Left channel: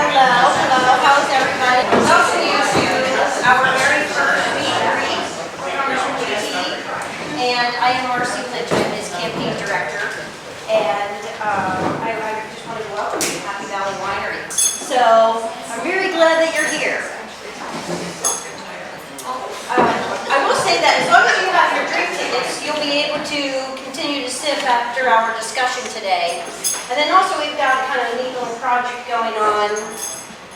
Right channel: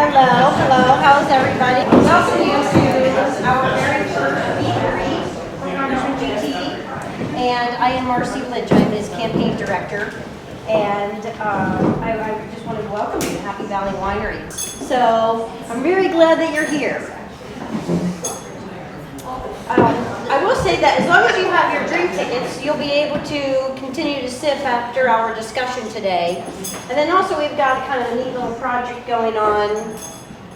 Hello, hello. How's everybody? Welcome you to our very first meet and greet with Congressman GT. And I am Marcie Lynch. I'm his campaign director. And I just wanted to welcome you to Happy Valley Winery. So I'm very glad that you're here. I will say that as long as you have your drink tickets, you'll be able to continue to sip after our discussion today. And then also we've got kind of a neat little project going on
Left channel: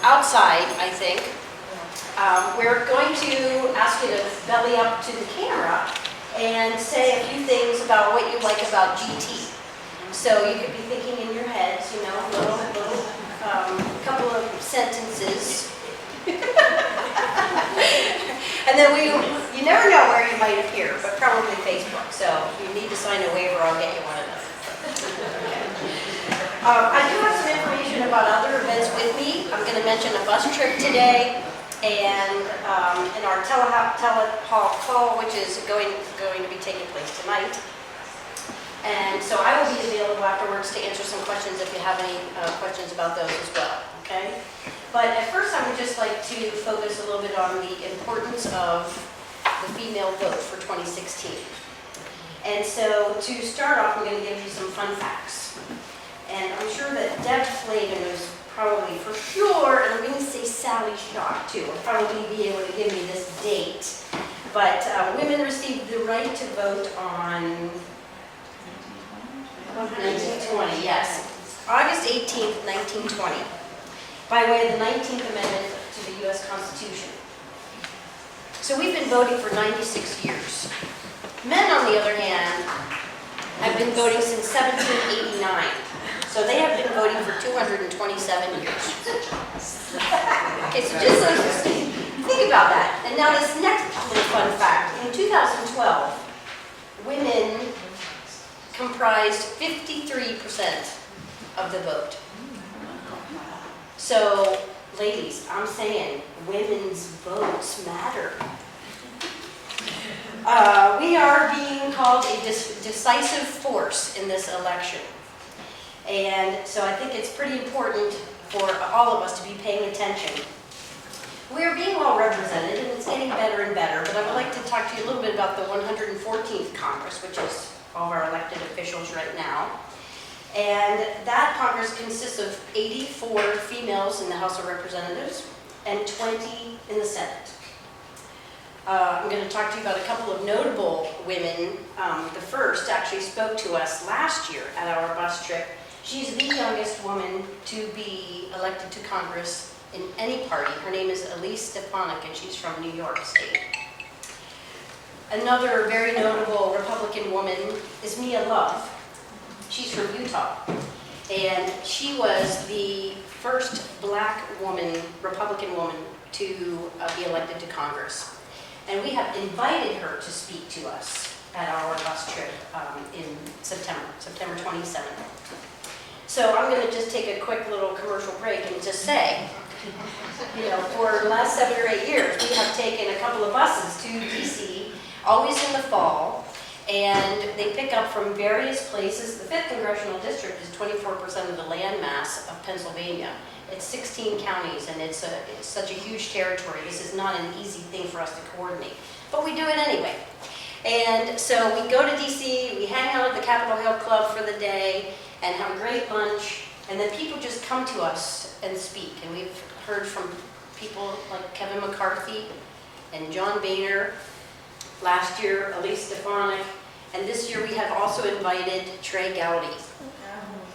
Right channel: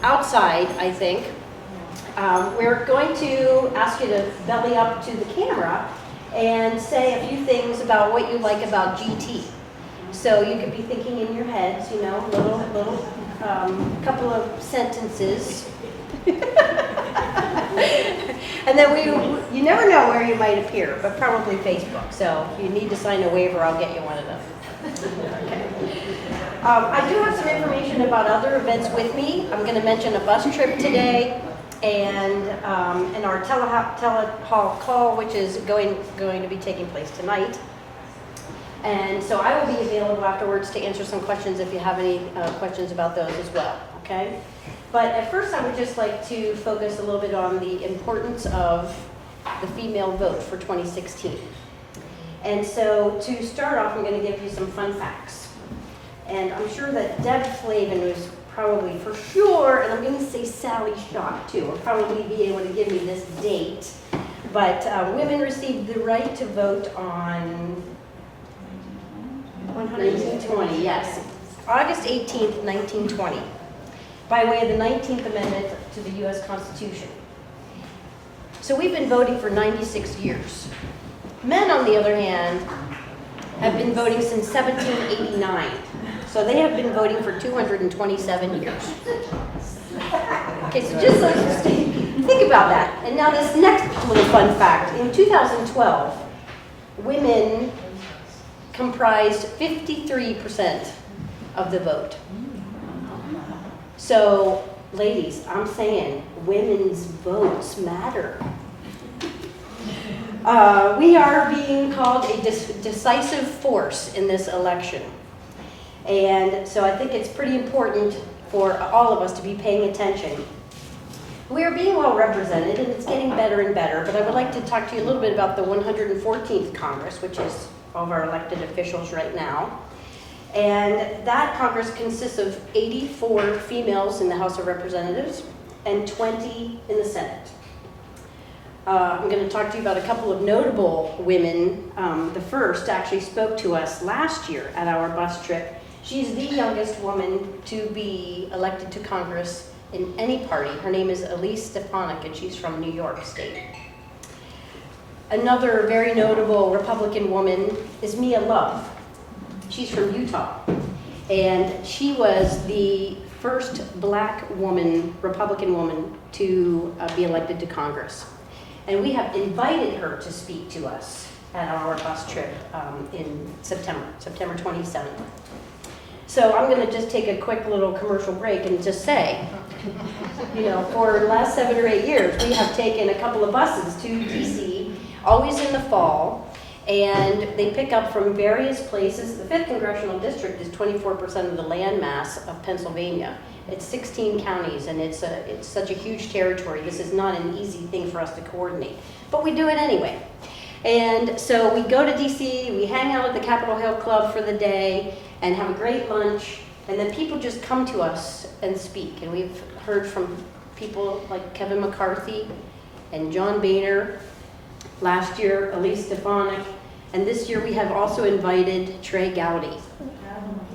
outside, I think. We're going to ask you to belly up to the camera and say a few things about what you like about GT. So you could be thinking in your heads, you know, little couple of sentences. And then you never know where you might appear, but probably Facebook. So if you need to sign a waiver, I'll get you one of them. Okay. I do have some information about other events with me. I'm going to mention a bus trip today and our telehall call, which is going to be taking place tonight. And so I will be available afterwards to answer some questions if you have any questions about those as well, okay? But at first I would just like to focus a little bit on the importance of the female vote for 2016. And so to start off, I'm going to give you some fun facts. And I'm sure that Deb Flavin was probably for sure, and I'm going to say Sally Shock too, will probably be able to give me this date. But women received the right to vote on 1920, yes. August 18th, 1920. By way of the 19th Amendment to the U.S. Constitution. So we've been voting for 96 years. Men, on the other hand, have been voting since 1789. So they have been voting for 227 years. Okay, so just think about that. And now this next little fun fact. In 2012, women comprised 53% of the vote. So, ladies, I'm saying women's votes matter. We are being called a decisive force in this election. And so I think it's pretty important for all of us to be paying attention. We are being well represented, and it's getting better and better, but I would like to talk to you a little bit about the 114th Congress, which is all of our elected officials right now. And that Congress consists of 84 females in the House of Representatives and 20 in the Senate. I'm going to talk to you about a couple of notable women. The first actually spoke to us last year at our bus trip. She's the youngest woman to be elected to Congress in any party. Her name is Elise Stefanik, and she's from New York State. Another very notable Republican woman is Mia Love. She's from Utah, and she was the first black woman, Republican woman, to be elected to Congress. And we have invited her to speak to us at our bus trip in September 27th. So I'm going to just take a quick little commercial break and just say, you know, for the last 7 or 8 years, we have taken a couple of buses to DC, always in the fall. And they pick up from various places. The 5th Congressional District is 24% of the land mass of Pennsylvania. It's 16 counties, and it's such a huge territory. This is not an easy thing for us to coordinate, but we do it anyway. And so we go to DC, we hang out at the Capitol Hill Club for the day, and have a great lunch, and then people just come to us and speak. And we've heard from people like Kevin McCarthy and John Boehner. Last year, Elise Stefanik, and this year we have also invited Trey Gowdy.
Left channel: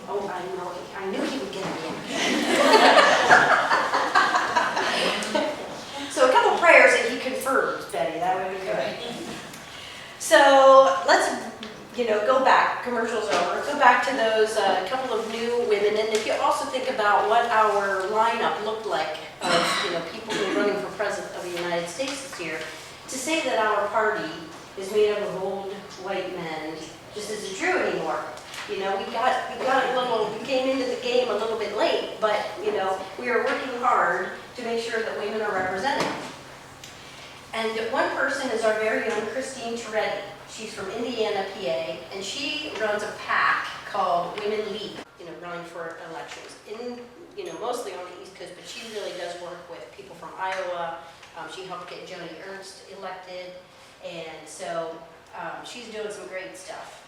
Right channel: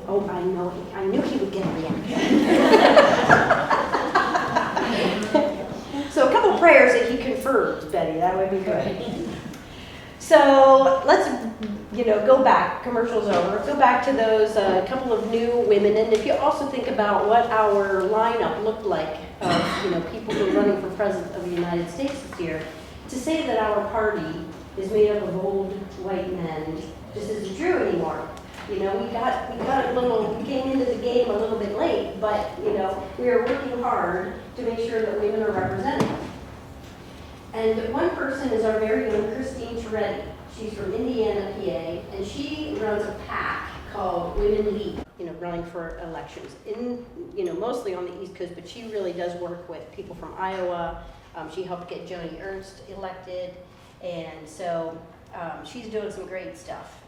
Oh, I know, I knew he would get me. So a couple prayers if he confirms, Betty, that would be good. So let's, go back, commercial's over. Let's go back to those couple of new women, and if you also think about what our lineup looked like of, people who are running for President of the United States this year, to say that our party is made up of old white men just isn't true anymore. We came into the game a little bit late, but we are working hard to make sure that women are represented. And one person is our very own Christine Toretti. She's from Indiana, PA, and she runs a PAC called Women Lead. running for elections in, mostly on the East Coast, but she really does work with people from Iowa. She helped get Joni Ernst elected, and so she's doing some great stuff.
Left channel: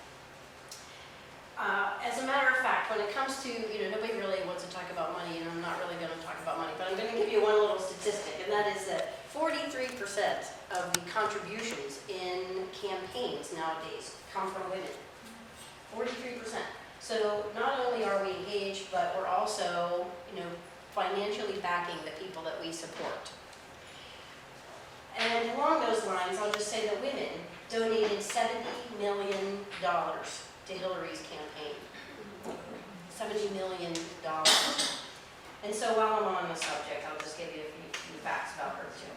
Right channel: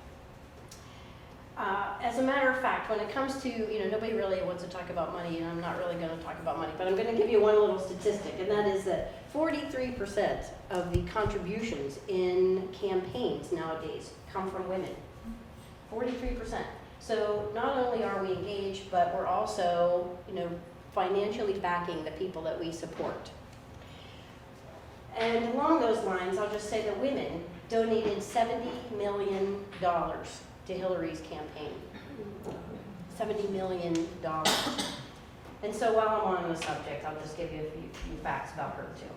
As a matter of fact, when it comes to, nobody really wants to talk about money, and I'm not really going to talk about money, but I'm going to give you one little statistic, and that is that 43% of the contributions in campaigns nowadays come from women. 43%. So not only are we engaged, but we're also, financially backing the people that we support. And along those lines, I'll just say that women donated $70 million to Hillary's campaign. $70 million. And so while I'm on the subject, I'll just give you a few facts about her too.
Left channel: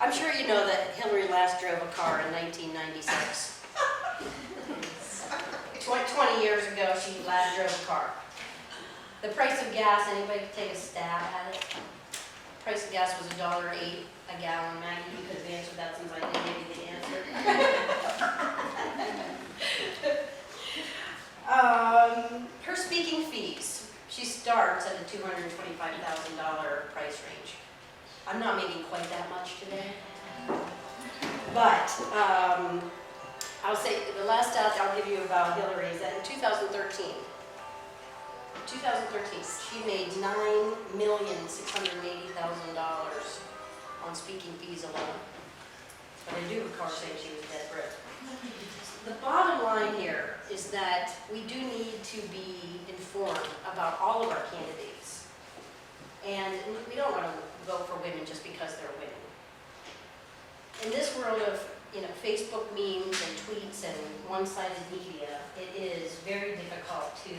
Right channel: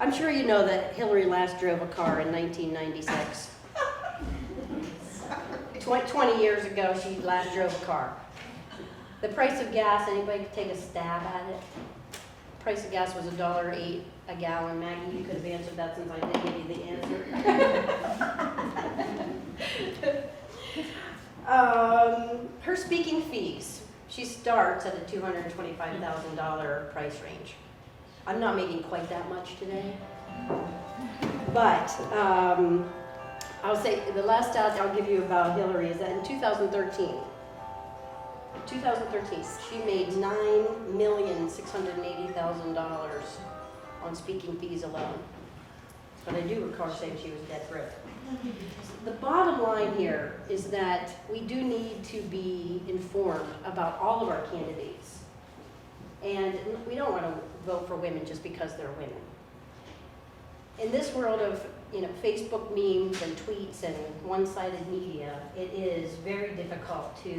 I'm sure you know that Hillary last drove a car in 1996. 20 years ago, she last drove a car. The price of gas, anybody could take a stab at it? The price of gas was $1.08 a gallon. Maggie, you could have answered that since I didn't give you the answer. Her speaking fees, she starts at a $225,000 price range. I'm not making quite that much today, but I'll say the last stat I'll give you about Hillary is that in 2013, she made $9,680,000 on speaking fees alone. But I do recall saying she was dead broke. The bottom line here is that we do need to be informed about all of our candidates. And we don't want to vote for women just because they're women. In this world of Facebook memes and tweets and one-sided media, it is very difficult to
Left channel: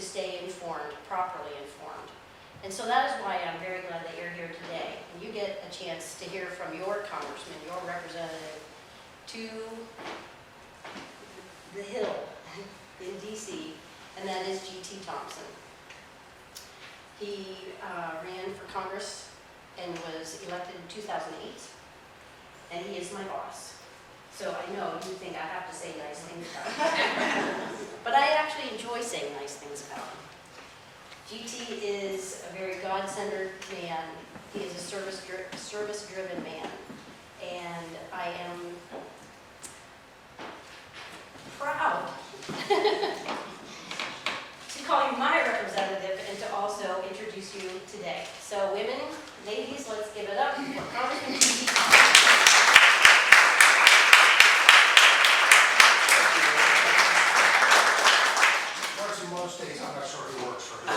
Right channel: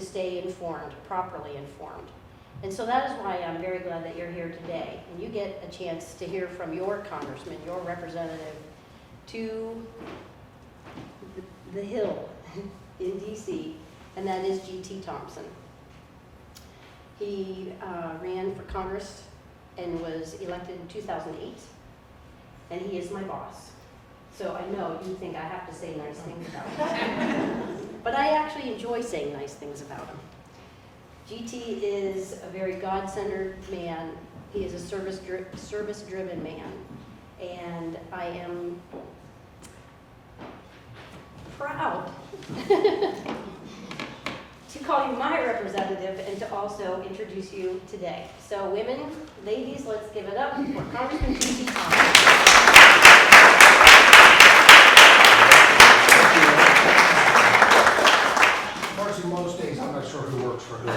stay informed, properly informed. And so that is why I'm very glad that you're here today. And you get a chance to hear from your congressman, your representative, to the Hill in DC, and that is GT Thompson. He ran for Congress and was elected in 2008, and he is my boss. So I know you think I have to say nice things about him. But I actually enjoy saying nice things about him. GT is a very God-centered man. He is a service-driven man. And I am proud to call you my representative and to also introduce you today. So women, ladies, let's give it up for Congressman GT Thompson. Marcie, most days I'm not sure who works for who.